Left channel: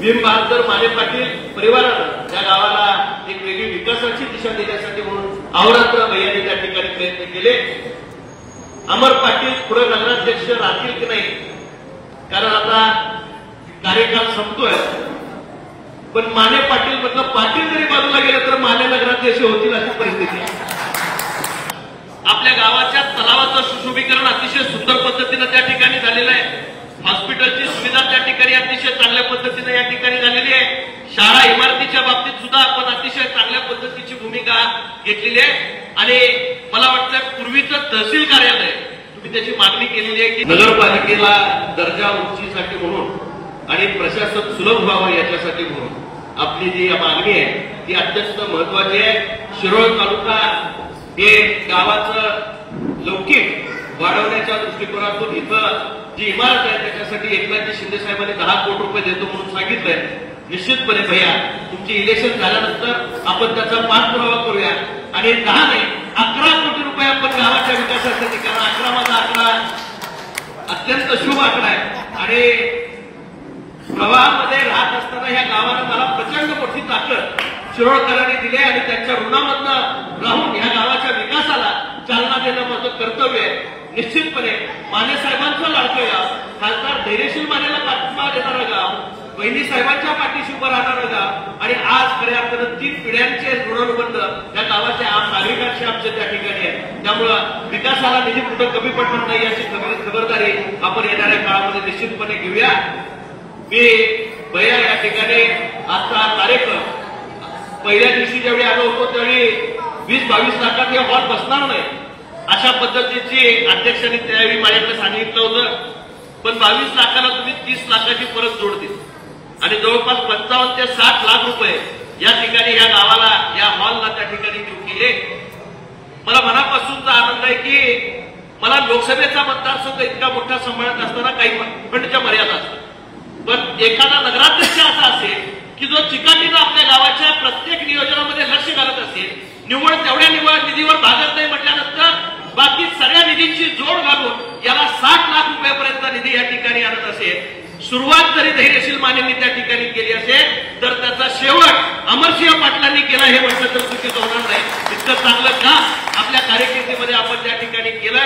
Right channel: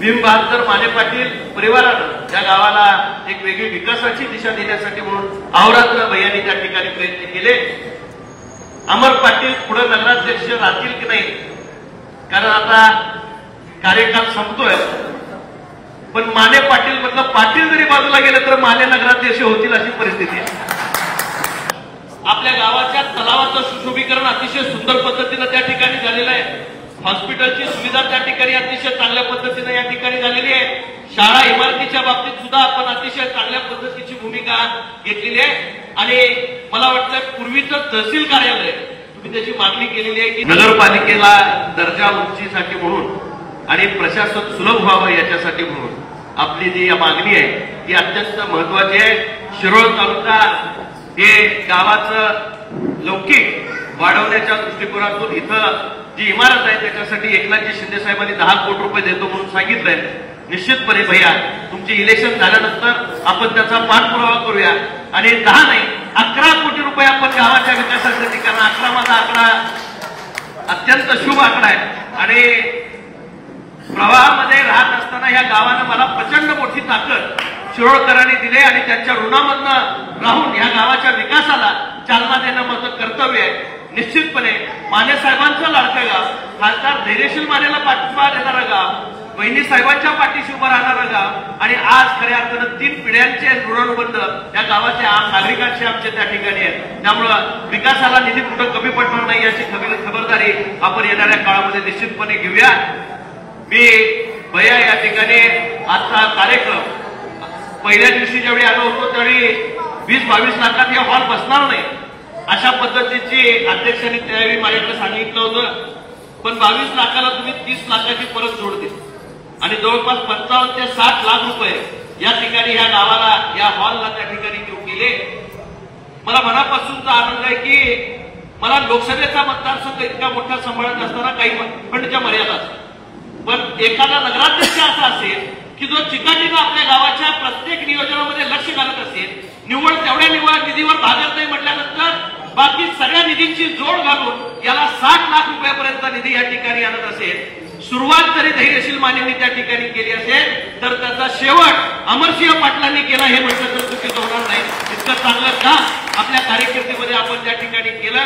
भीम बहादूर माने पाटील परिवारानं या गावाला एक वेगळी विकासाची दिशा देण्यासाठी म्हणून अहोरात्र भैयाने त्या ठिकाणी प्रयत्न केले। अमर पाटील पुढे नगराध्यक्ष राहतील की नाही, कारण आता कार्यकाळ संपतोय, पण माने पाटील म्हटलं पाटील जरी बाजूला गेलं तर माने नगराध्यक्ष होतील अशी परिस्थिती आहे। आपल्या गावाच्या तलावाचं सुशोभीकरण अतिशय सुंदर पद्धतीनं त्या ठिकाणी झालेलं आहे। हॉस्पिटलची सुविधा त्या ठिकाणी अतिशय चांगल्या पद्धतीने या ठिकाणी झालेली आहे। शाळा इमारतीच्या बाबतीत सुद्धा आपण अतिशय चांगल्या पद्धतीची भूमिका घेतलेली आहे। आणि मला वाटतं पूर्वीचं तहसील कार्यालय तुम्ही त्याची मागणी केलेली आहे की नगरपालिकेला दर्जा उंचीसाठी म्हणून आणि प्रशासन सुलभ व्हावं याच्यासाठी म्हणून आपली जी मागणी आहे ती अत्यंत महत्वाची आहे। शिरोळ तालुका हे गावाचं लौकिक वाढवण्याच्या दृष्टिकोनातून इथं जी इमारत आहे त्याच्यासाठी एकनाथजी शिंदे साहेबांनी 10 कोटी रुपये देतो म्हणून सांगितलंय। निश्चितपणे भैया तुमची इलेक्शन झाल्यानंतर आपण त्याचा पाठपुरावा करूया आणि 10 नाही 11 कोटी रुपये आपण गावाच्या विकासासाठी, कारण 11 माझा आकडा अत्यंत शुभ आकडा आहे आणि प्रवाहामध्ये राहत असताना या गावानं मला प्रचंड मोठी ताकद शिरोळकरांनी दिली आणि त्यांच्या ऋणामधनं राहून या गावाच्या विकासाला चालना देणं माझं कर्तव्य आहे। निश्चितपणे माने साहेबांचं लाडकं गाव, खासदार धैर्यशील मानेला पाठिंबा देणारं गाव, वहिनी साहेबांच्या पाठीशी उभं राहणारं गाव आणि आज खऱ्या अर्थानं 3 पिढ्यांचे ऋणबंध या गावाचे आम नागरिकांशी आमचे त्या ठिकाणी आहे। त्यामुळं विकासाला निधी कुठं कमी पडणार नाही याची खबरदारी आपण येणाऱ्या काळामध्ये निश्चितपणे घेऊया। मी भैया या ठिकाणी आजचा कार्यक्रम पहिल्या दिवशी ज्यावेळी आलो होतो त्यावेळी 20-22 लाखात हे हॉल बसणार नाही अशा पद्धतीची अध्यक्षांनी त्यावेळी माझ्याकडे सांगितलं होतं, पण 22 लाखाला तुम्ही 30 लाखाची परत जोड दिली आणि जवळपास 55 ते 60 लाख रुपये या ठिकाणी या गावाला या हॉलला त्या ठिकाणी देऊ केले। मला मनापासूनचा आनंद आहे की मला लोकसभेचा मतदारसंघ इतका मोठा सांभाळत असताना काही फंडच्या मर्यादा असतात, पण एखादा नगराध्यक्ष असा असेल की जो चिकाटीनं आपल्या गावाच्या प्रत्येक नियोजनामध्ये लक्ष घालत असेल, निव्वळ तेवढ्या निधीवर भागत नाही म्हटल्यानंतर बाकी सगळ्या निधींची जोड घालून याला 60 लाख रुपयापर्यंत निधी या ठिकाणी आणत असेल, सुरुवात जरी धैर्यशील मानेंनी त्या ठिकाणी केली असेल तर त्याचा शेवट अमरसिंह पाटलांनी केला हे म्हटलं तर चुकीचं होणार नाही। इतकं चांगलं काम आपल्या कार्यकिर्दीमध्ये आपण त्या ठिकाणी केलं।